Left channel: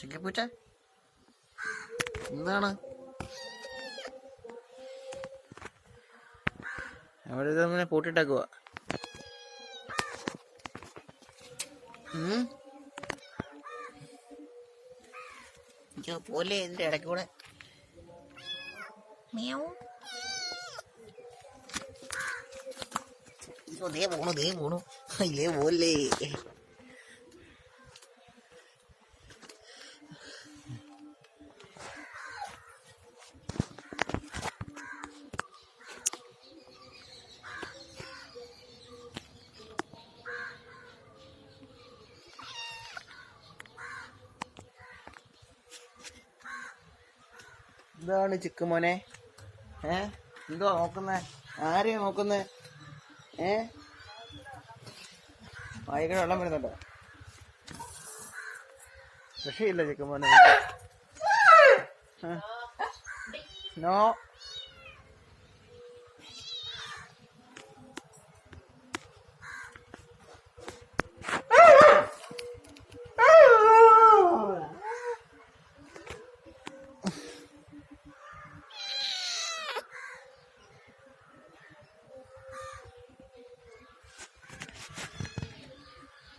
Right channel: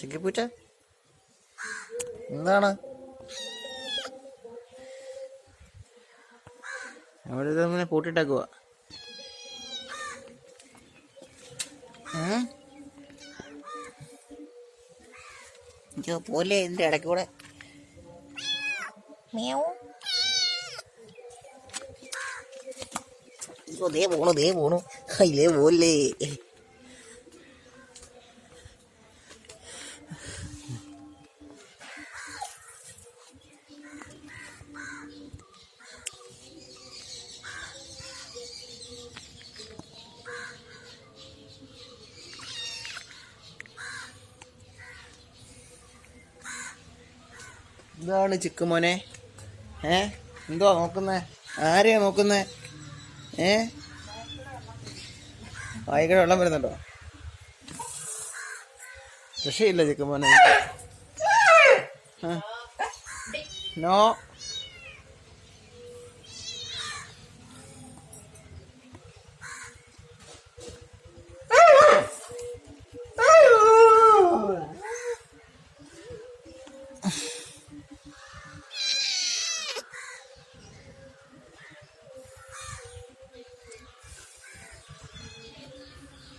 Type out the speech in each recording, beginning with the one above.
ചിക്കിപ്പൂച്ച എന്താണ്? അവിടെ നമ്മളെ അയ്യോ പോലെ ഇതിന്റെ ഇടയ്ക്ക് കൂടെ? ദേ പോണു ദേ പോണു. അല്ലേ പോലെ എന്താണ് ചിക്ക് മോനെ? ഏ? എന്തുവാ നോക്കുന്നേ? ആരെയാ നോക്കുന്നേ? ഏ? വായിക്കട വെള്ളം വരുന്നുണ്ടോ? രക്ഷയില്ല ചിക്ക് മോനെ. നോ.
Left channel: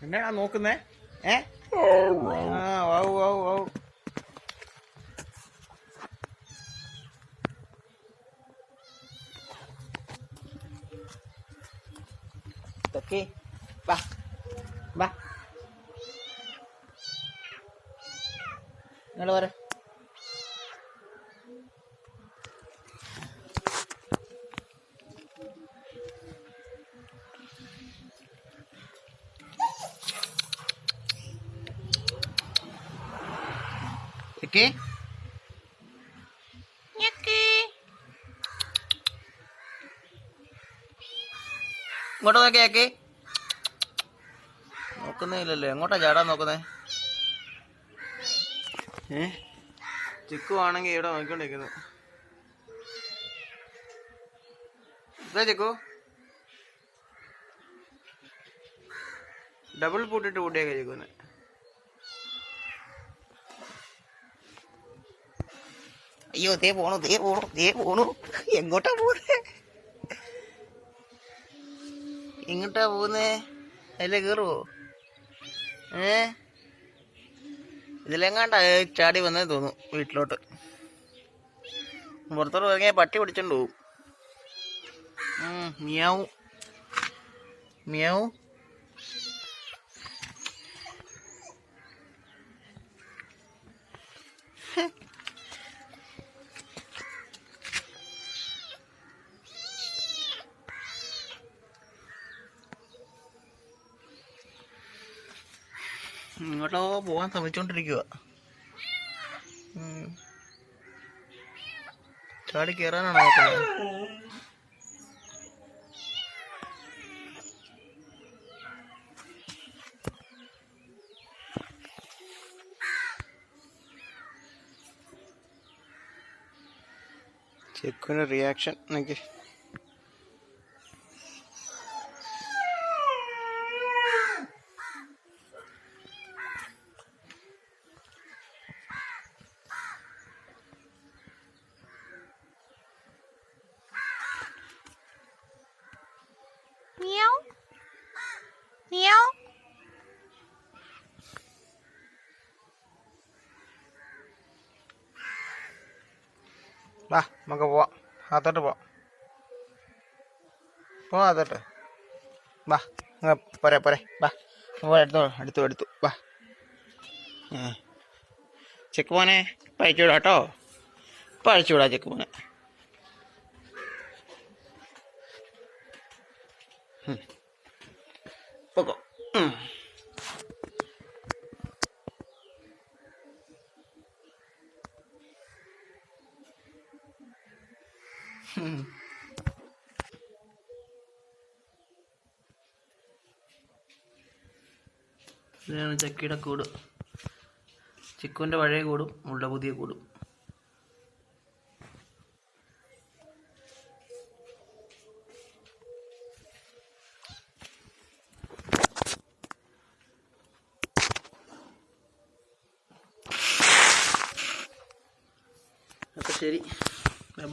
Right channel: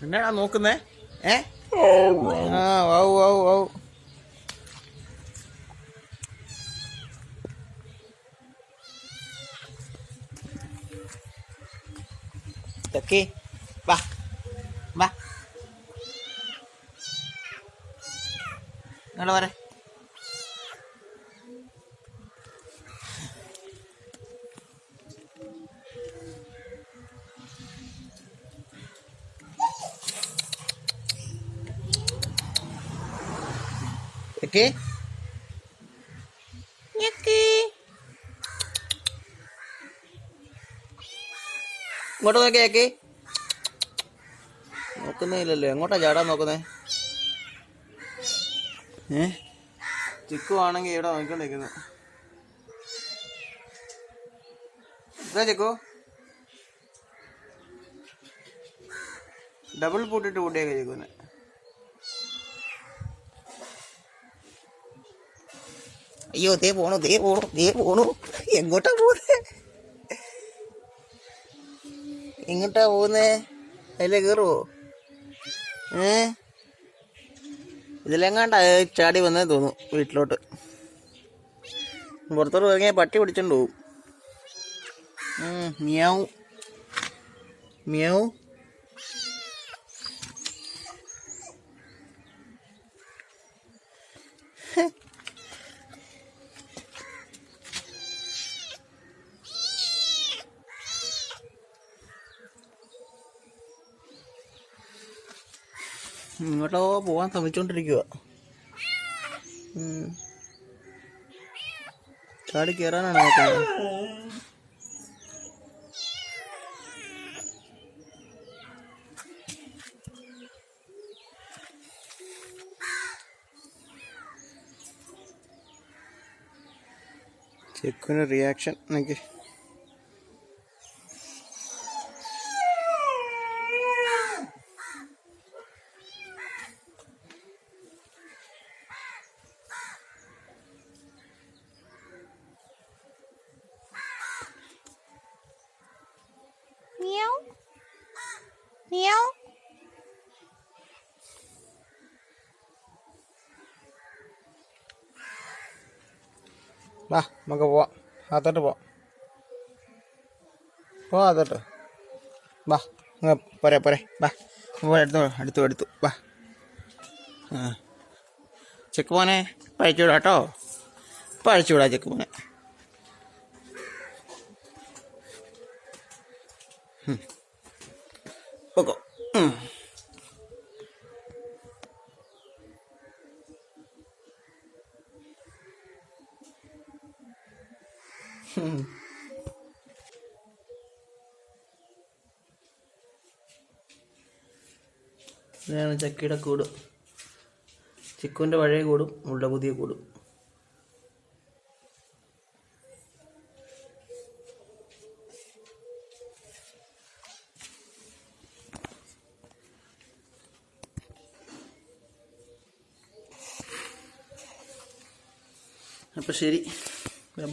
എന്നാടാ നോക്കുന്നേ. ഏ? ആ വൗ വൗ വൗ. ഇതൊക്കെ. വാ വാ. നിങ്ങൾ വരെ ഇതൊക്കെ ഇങ്ങോട്ട് നോക്കിയേക്ക് നോക്കുന്നില്ലല്ലോ എങ്ങോട്ടാ ചാടാൻ നോക്കുന്നേ? ഏ? ചിക്കു ആണെങ്കിൽ ഇവിടെ നോക്കിക്കൊണ്ടിരിക്കുന്നു. ഇതാ ചിക്കു. ഡബിൾ പൂട്ടിട്ട് കൂട്ടിയൊക്കെ ചിക്കുന്നെ. അയ്യോ ദേ പോണു ദേ പോണു ദേ പോണു. എങ്ങോട്ടാ പോകുന്നേ എങ്ങോട്ടാ പോകുന്നേ അതിലെ കയറുവോ ഏ? ഇതിലെങ്ങാണ്ട ചാടി വന്നേ തോന്നുന്നു വീട്ടിലോട്ട്. പുറത്തോട്ട് ഇറങ്ങിയാൽ പട്ടി പിടിച്ചോണ്ട് പോവും. മിയാവും. മിയാവും. ഇങ്ങോട്ടോ പോവാൻ ശ്രമിച്ചോണ്ടിരിക്കുക ചാടി കയറാനാണ് നോക്കുന്നത്? ചെക്കുന്ന റിയാക്ഷൻ എനിക്ക് Meow. Meow. വാ നമുക്ക് പോവാം. അകത്തോട്ട് പോവാം. പോവാം അകത്തോട്ട്. വാ അങ്ങ് പോരെ പോരെ. വാ പോ എടുത്തു എടുത്തു എടുത്തു. വാ. ചെക്ക് ഇപ്പം അയച്ചു വിടാം കേട്ടോ. ഇപ്പം വിടാം ചെക്ക് മോനെ. ഉം. ഇതാണ് ചക്കിയുടെ കൂടും. ചിക്കുവിന്റെ പഴയ കൂടും ഉള്ള പുതിയ കൂടും. അപ്പോൾ ശരി.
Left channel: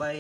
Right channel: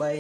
ബൈ